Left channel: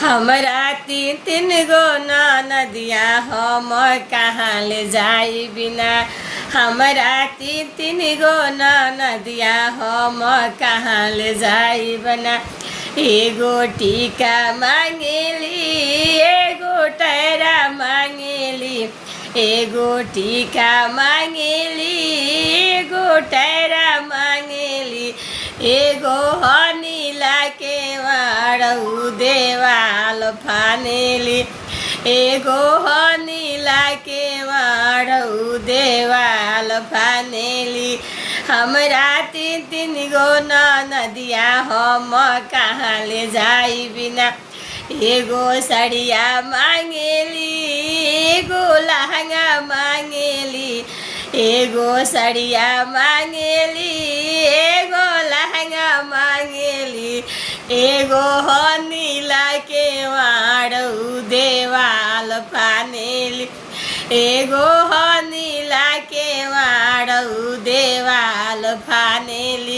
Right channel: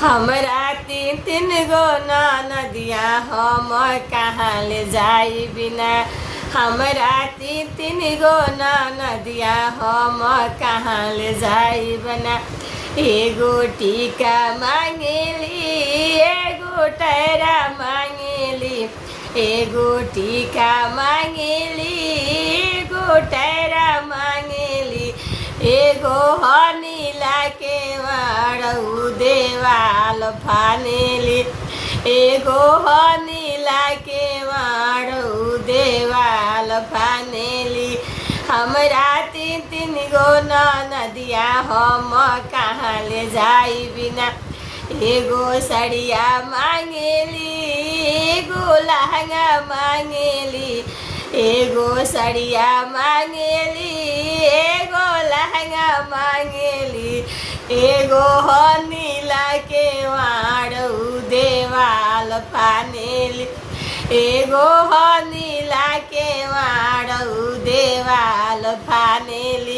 हमरा तीन तीन गो नदिया हम कहाँ ले जाई बिना। हमरा तीन तीन गो नदिया हम कहाँ ले जाई बिना। एगो टीका मांगेली एगो टैरा मांगेली। एगो टीका मांगेली एगो टैरा मांगेली। एगो हनीला के वाड़ू देवाल फानेली। एगो हनीला के वाड़ू देवाल फानेली। हमरा तीन तीन गो नदिया हम कहाँ ले जाई बिना। एगो सड़िया मांगेली एगो लहंगा मांगेली। एगो सड़िया मांगेली एगो लहंगा मांगेली। एगो हनीला के वाड़ू देवाल फानेली। एगो हनीला के वाड़ू देवाल फानेली।